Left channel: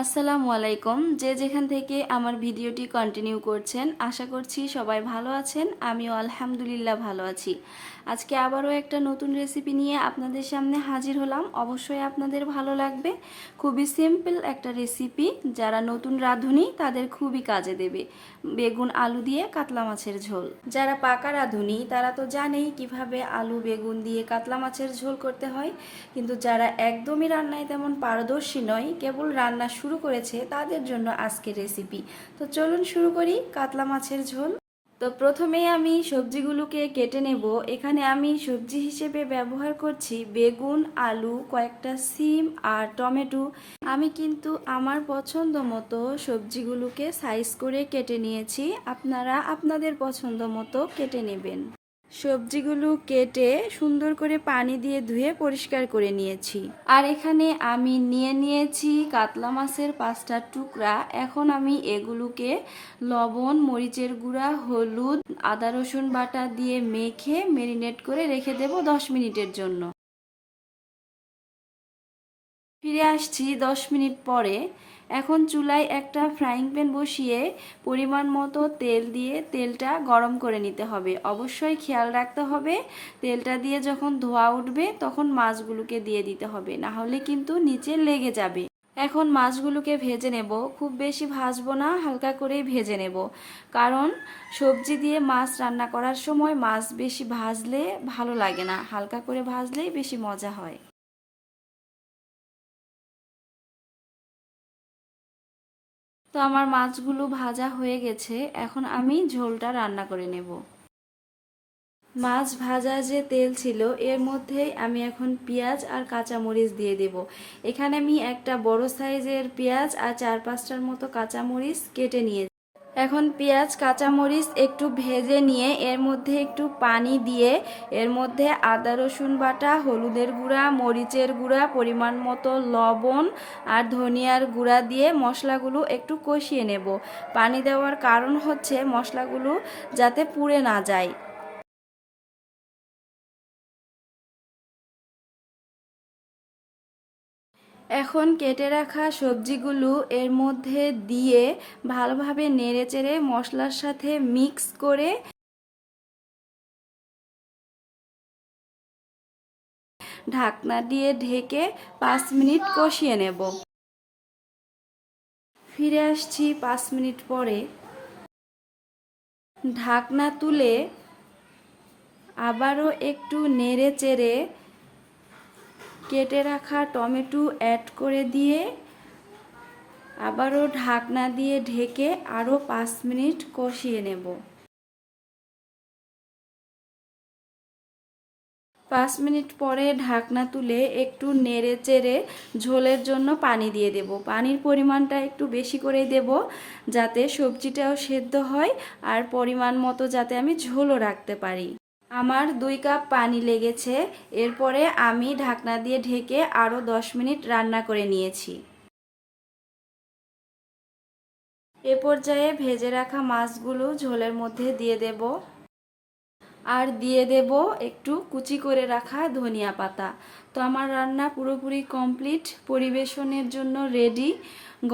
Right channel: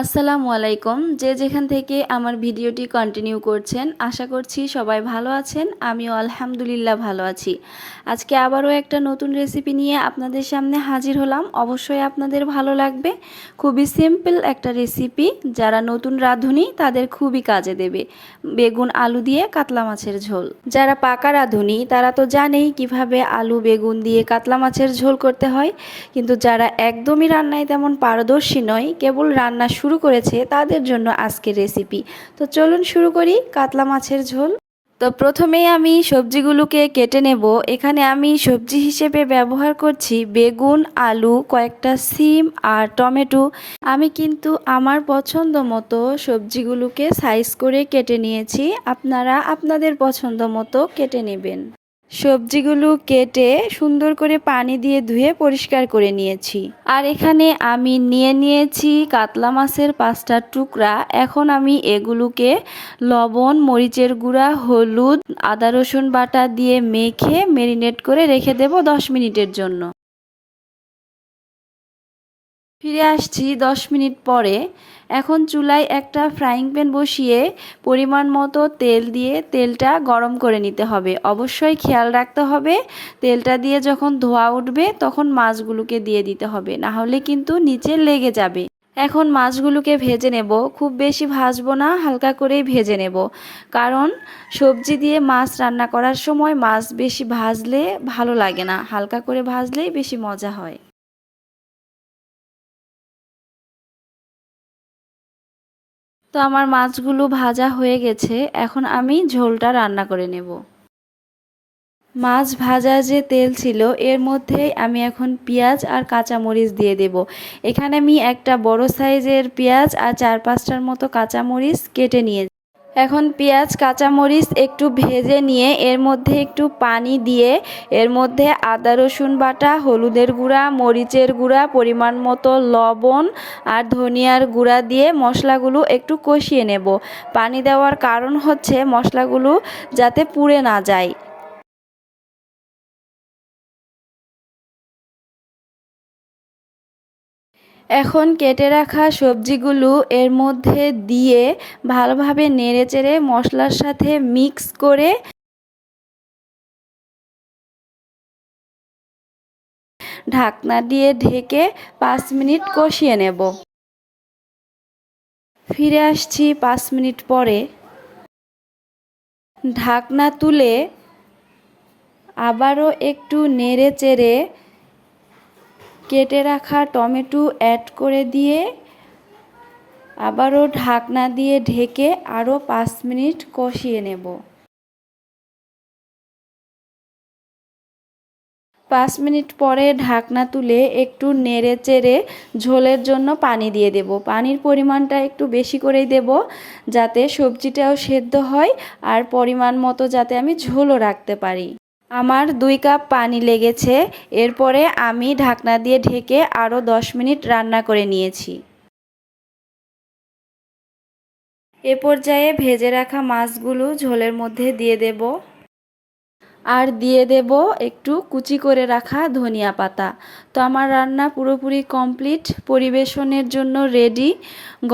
আসসালামু আলাইকুম। যে যেখান থেকে আমার ভিডিওটি কন্টিনিউ করছেন, আশা করছি সবাই ভালো আছেন। আমিও আলহামদুলিল্লাহ ভালো আছি। আজকে আবারও একটা নতুন রেসিপি নিয়ে আপনাদের সামনে হাজির হলাম। অবশ্যই আপনাদের ভালো লাগবে। খুবই সিম্পল একটা রেসিপি, যারা নতুন রাঁধুনি তাদের খুবই কাজে দেবে। বেগুন আলু দিয়ে কাতলা মাছের ঝোল। যারা পাকা রাঁধুনি তারা তো জানেই কিভাবে আলু বেগুন দিয়ে কাতলা মাছের ঝোল করতে হয়, কিন্তু যারা একদমই রান্নায় তেমন পারদর্শী নয়, কেবল রান্না শুরু করেছে, তাদের জন্য আজকের রেসিপি। তো চলুন শুরু করি কাতলা মাছের ঝোল। তো প্রথমেই আমি সবজিগুলোকে কেটে নেব। এখানে আমি সবজি হিসেবে ব্যবহার করছি বেগুন, আলু, কয়েকটা সিম আর টমেটো। আমি কিন্তু আমার পছন্দ মতো সবজিগুলোকে সাইজ করে কেটে নিয়েছি। আপনারা আপনাদের পছন্দ মতো কেটে নেবেন। সবজিগুলো কেটে সুন্দর করে পানি দিয়ে ধুয়ে পরিষ্কার করে নিয়েছি। আর এখানে আমি নিয়েছি কাতলা মাছের 5টা টুকরা। এখন আমি এগুলোকে লবণ, মরিচের গুঁড়া, হলুদ, আদা রসুন বাটা দিয়ে মেখে ম্যারিনেট করে রেখে দেব 10 মিনিটের জন্য। ফিরে আসছি 10 মিনিট পরে। এখন চুলায় একটা ফ্রাইং প্যান বসিয়ে পরিমাণ মতো তেল দিয়ে তেলটা গরম করে নিতে হবে। অবশ্যই খেয়াল রাখতে হবে তেলটা দিয়ে যখন ধোঁয়া উঠবে তখন মাছগুলোকে দিয়ে দিতে হবে, না হলে কিন্তু নিচে লেগে যাবে। এখন মাছগুলোকে ভেজে নেব। খুব বেশি ভাজবো না, হালকা করেই ভেজে নেব, কারণ সবজি দিয়ে মাছ রান্না করার সময় মাছ বেশি ভাজলে ভালো লাগে না, হালকা করে ভাজলেই বেশি মজা হয়। তো আমার মাছগুলো ভাজা হয়ে গেছে, এখন আমি ঝোলটা রান্না করে নেব। মাছ ভাজা যে তেল ছিল এর মধ্যে আমি এখন পেঁয়াজ আর কাঁচামরিচ দিয়ে দেব। এখানে আমি একটা বড় সাইজের পেঁয়াজ আর 4-5টার মতো কাঁচামরিচ কেটে নিয়েছি। এখন পেঁয়াজ কাঁচামরিচ একটু ভেজে নিয়ে এর মধ্যে একটু পানি দিয়ে এর মধ্যে আদা রসুন বাটা, হলুদের গুঁড়া, মরিচের গুঁড়া, পরিমাণ মতো লবণ আর ধনিয়ার গুঁড়া দিয়ে মশলাগুলো একটু কষিয়ে নেব। পানি দেওয়ার কারণ হচ্ছে মশলাগুলো যাতে পুড়ে না যায়। এখন কেটে রাখা সবজিগুলো এর মধ্যে দিয়ে ভালোভাবে নেড়েচেড়ে মশলার সাথে মিক্স করে ঢাকনা দিয়ে ঢেকে 5 মিনিট কষিয়ে নেব। ফিরে আসছি 5 মিনিট পরে। ঢাকনা তুলে আবারও একটু নেড়েচেড়ে কেটে রাখা টমেটো অ্যাড করে দিয়ে আবারও ঢাকনা দিয়ে ঢেকে আরও 5 মিনিট কষিয়ে নেব। 5 মিনিট পরে ঢাকনা তুলে একটু নেড়েচেড়ে ঝোলের জন্য পানি দিয়ে দেব। পানির পরিমাণটা একটু বেশি করেই দেব, যাতে সবজিটাও সেদ্ধ হয় আর পরিমাণ মতো যাতে আমি ঝোলও রাখতে পারি। আমার 2 কাপ পানি লেগেছে। এরপরে আমি ঢাকনা দিয়ে ঢেকে আরও 10 মিনিট রান্না করে নিয়েছি। এ পর্যায়ে ভেজে রাখা মাছগুলো ঝোলের মধ্যে দিয়ে দেব আর দিয়ে দেব একটু কুচি করে রাখা ধনিয়া পাতা। তো আমার রান্না পুরোপুরি কমপ্লিট, পরিবেশনের জন্য রেডি।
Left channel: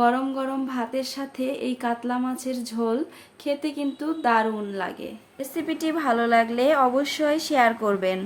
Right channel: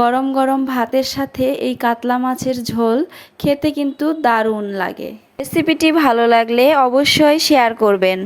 গরম গরম ভাতের সাথে এই কাতলা মাছের ঝোল খেতে কিন্তু দারুণ লাগে। রেসিপিটি ভালো লাগলে অবশ্যই শেয়ার করবেন।